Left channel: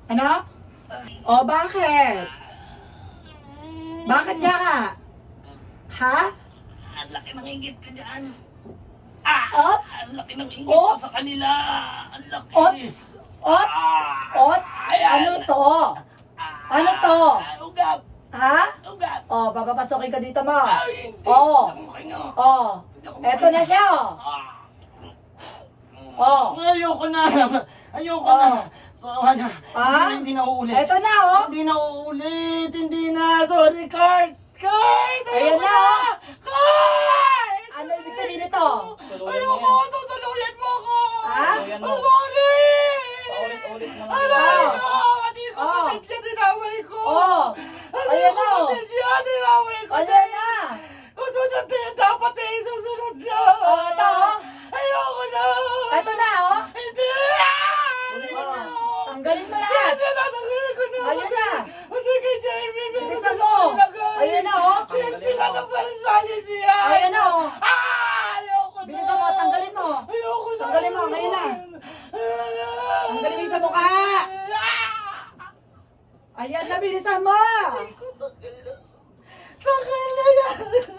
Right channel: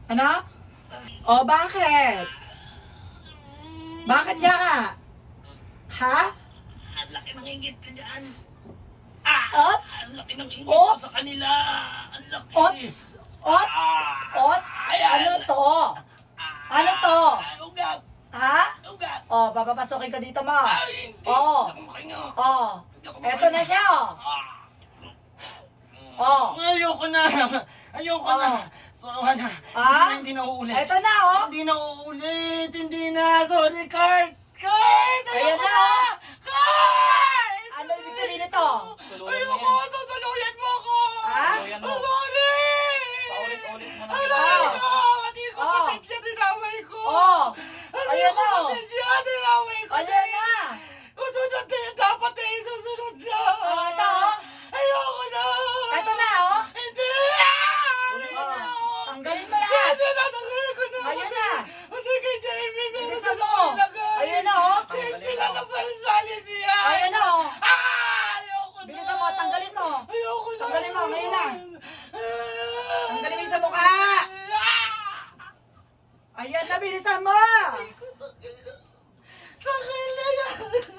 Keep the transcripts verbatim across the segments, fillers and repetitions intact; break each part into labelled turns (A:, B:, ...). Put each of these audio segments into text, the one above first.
A: Ano? O, bakit? Bakit nga ka? Ha?
B: Ang laki ng inggit ka dyan.
A: Ops!
B: Ang laki ng inggit ko
A: Ops!
B: sa kanila. Ang laki.
A: Ops! Ops! Ops! Ano to? Ano to?
B: Ay, ugat.
A: Ha?
B: Ugat.
A: O, papapasokin ka dito mo.
B: Ay, hindi.
A: Oo.
B: Hindi ako makahinga.
A: O,
B: Hindi ako
A: eto na siya, o.
B: Ah.
A: Oh.
B: Ayoko na. Ayoko
A: Oh.
B: na. Sawa na.
A: Ah?
B: Hindi, hindi na uulit.
A: Eto na, o.
B: Hindi na uulit. Hindi na. Sorry, Kurt. Kurt!
A: Ayan
B: Ayoko
A: na,
B: na.
A: oh.
B: Kurt!
A: Ano ibig sabihin nito?
B: Ayoko. Tutuluyan mo ako.
A: Ha?
B: I'm sorry.
C: Paulit-ulit mo lang.
B: Aray
A: Oh.
B: ko. Hindi ko
A: Oh.
B: kapatid niya. Dinamay ko.
A: Oh.
B: Hindi
A: Ayan
B: ko
A: na, oh.
B: kapatid niya. Dinamay ko.
A: Ayan na.
B: Susunod na yun. Dapat eh. Susunod na.
A: Oh, ito, oh.
B: Ayoko na.
A: Eto na, o.
B: Hindi!
A: Oh. Tanggalin mo lahat.
B: Hindi, tatanggalin ko na.
A: Ayan na.
B: Pati kay Jamie, meron
A: Bilisan
B: na
A: mo.
B: nilagay.
A: Ayan na, oh.
B: Same sila ng Pals Valley siya.
A: Ayan na, o.
B: Ah! Ayoko na.
A: Bilisan mo, tanggalin mo.
B: Ayoko na.
A: Tanggalin mo, ngayon na.
B: Ah!
A: Tanggalin mo sa mukha.
B: Ah!
A: Ayan na, bilisan mo.
B: Ay ko, tanggal na. Tanggal na yan.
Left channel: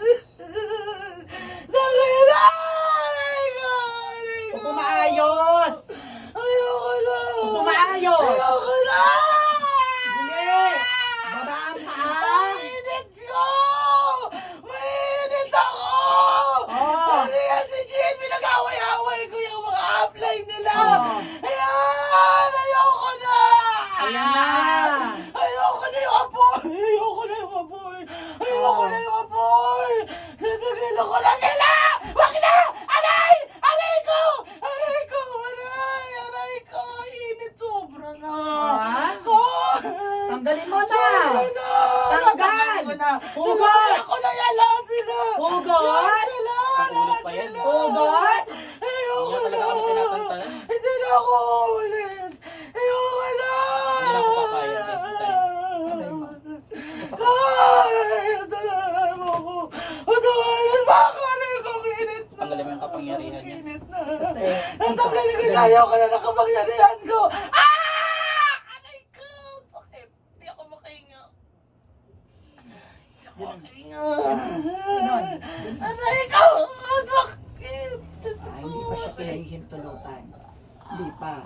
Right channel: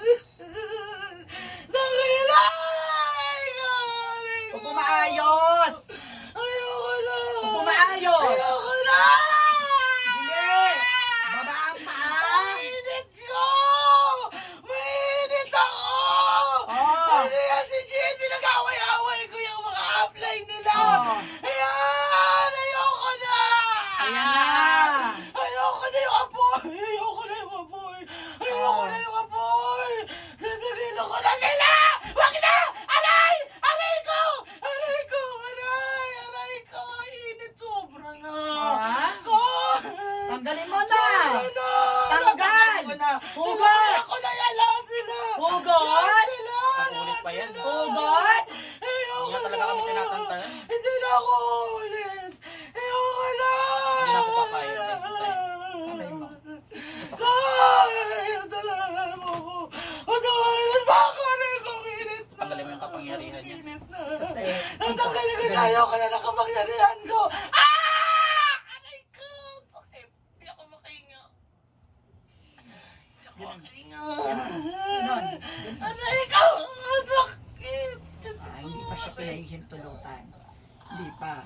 B: Tanggal na. Ay ko, ay ko.
A: Huwag mo maayos.
B: Ayoko na.
A: Huwag mo maayos.
B: Ayoko na.
A: Hindi. Baba ang paa.
B: Mainit ko! Mainit ako!
A: Oh.
B: Ano yan si Jin? Pinag-away-away ko yung mga upline nila!
A: Oh.
B: Ayan! Ayoko na!
A: Ayan na.
B: Ayoko na yung apoy! Ayoko na yung apoy! Ayoko
A: Oh.
B: na yung apoy! Tinigil ko na sila! Wag na! Aray! Aray ko! Aray ko! Aray! Aray ko! Init sobra na!
A: Ha?
B: Ko!
A: Tanggalin mo na.
B: Sobra na!
A: Tanggal!
B: Tanggalin ko na!
A: Hugot!
B: Tanggalin ko na yan! Lahat sila!
A: Hugot!
B: Lahat sila!
C: Ulit pa
B: Lahat
C: yan.
B: sila!
A: Hugot!
B: Ayoko
C: Hindi na
B: na!
C: talaga kami tinatantalan.
B: Hindi na ako ulit! Ayoko na!
C: Hindi na ako papayag this time.
A: Sabay mo.
B: Ay! Tatawanan mo ako! Tatawanan mo ako! Aray ko! Init na!
C: Tanggalin mo yung kapangyarihan niya.
B: Init na!
A: Sa te-
B: Tatanggalin ko na! Ayoko na ng kapangyarihan ko! Ah! Aray ko! Sakit! Hindi ako makahinga! Hindi ako makahinga!
A: Ganon.
B: Aray ko! Ang sakit! Diyos
A: Ah,
B: ko!
A: hindi pa siya pinahihintulutan. Hindi pa.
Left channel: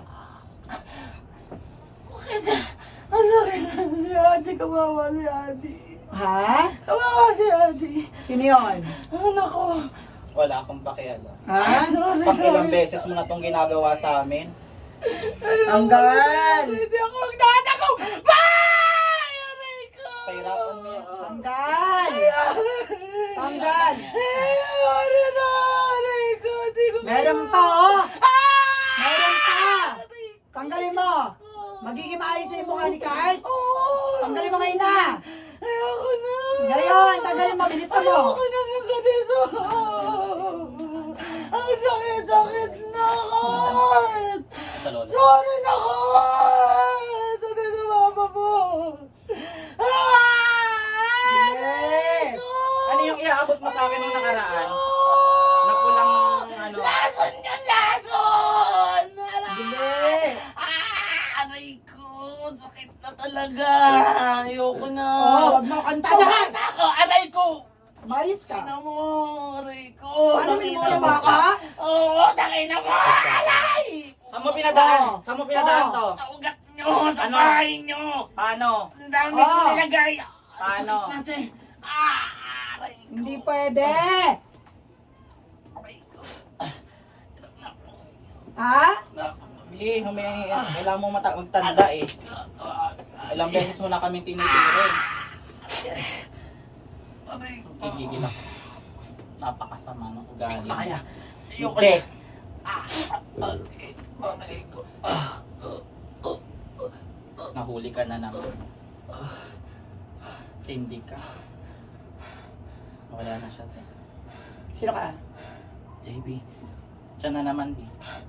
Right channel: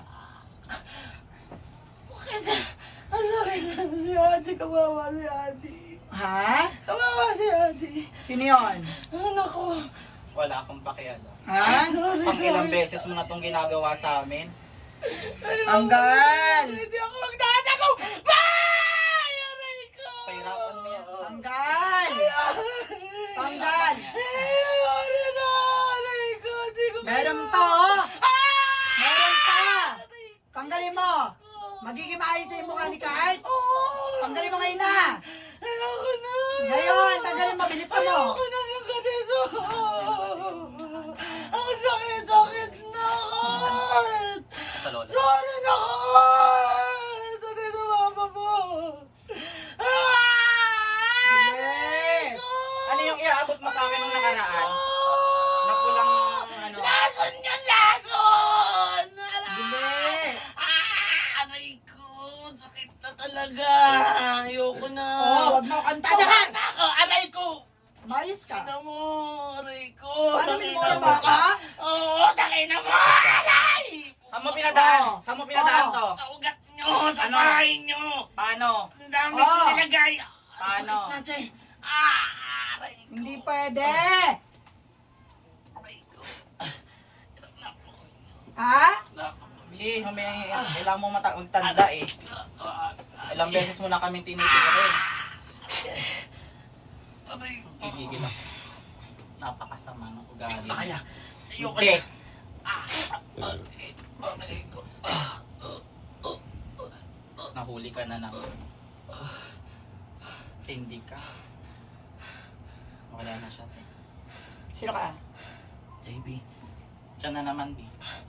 B: Bakit? Ang sakit na si Ate! Kawawa si Ate!
A: Ha?
B: Kawawa si Ate!
A: Sino yun?
B: Anak ko!
C: Wala akong pakialam.
A: Ha?
B: Sorry,
C: Pang ilang
B: sorry.
C: beses mo na itong ginagawa sa amin.
A: Tanggal!
B: Hindi ako magdadagaw! Bye! Aray ko!
C: Pahirapan mo yan.
A: Tanggal! Tanggal!
B: Eh, sorry na! Aray ko! Hindi ko
A: Meron
B: kaya.
A: pa, oh!
B: Ah!
A: Meron pa!
B: Aray ko!
A: Tanggalin mo! Magiging maayos sa yung mukha ni Kurt?
B: Oo!
A: Tanggalin mo ngayon na!
B: Ayoko na!
A: Ngayon! Tanggalin mo! Bilisan mo!
B: Ayoko na ng ganito! Ang sakit-sakit na, Kurt!
C: Sa lola.
B: Sorry na, Kurt! Sorry sa mama mo! Ah!
A: Yes!
C: Ano yung iaabot mo sa akin nung nakaraan?
B: Oh!
C: Na pulang ano?
B: Lason yun! Lason! Aray!
A: Hindi!
B: Ah! Aray ko! Sakit na talaga! Ayoko na!
A: Oh, wag mo kanta
B: Tama
A: dyan!
B: na ako! Aray ko!
A: Maris ka!
B: Tangina mo! Aray ko!
A: Ano, may
B: Tangina
A: mga
B: mo!
A: ka?
B: Oo! Tangina mo! Aray!
C: Saan mo pinadaan?
A: Oh.
C: Saan mo pinadaan
A: Oh.
C: to?
B: Sa ugat nyo! Sa
C: Ano?
B: bahay nyo!
C: Paano?
B: Ang dami
A: Oh.
B: kong nilagay! Ang
C: Paano?
B: sakit natin! Ah! Aray ko!
A: Hindi pwede!
B: Aray ko! Hirap na po.
A: Ha?
C: Hindi, humingi. Kailangan mo mata- magtanda eh. Ilang beses mo na kaming tinitirin.
B: Aray ko!
C: Gigigil ako. Napakasama ng ugali.
B: Kaya! Ayoko
C: Hindi.
B: na! Aray! Aray ko! Ah!
C: Nahuli ka na naman. Hindi ka. Wala na siya. te.
A: Sino ka?
C: J B. Siya na naman, B.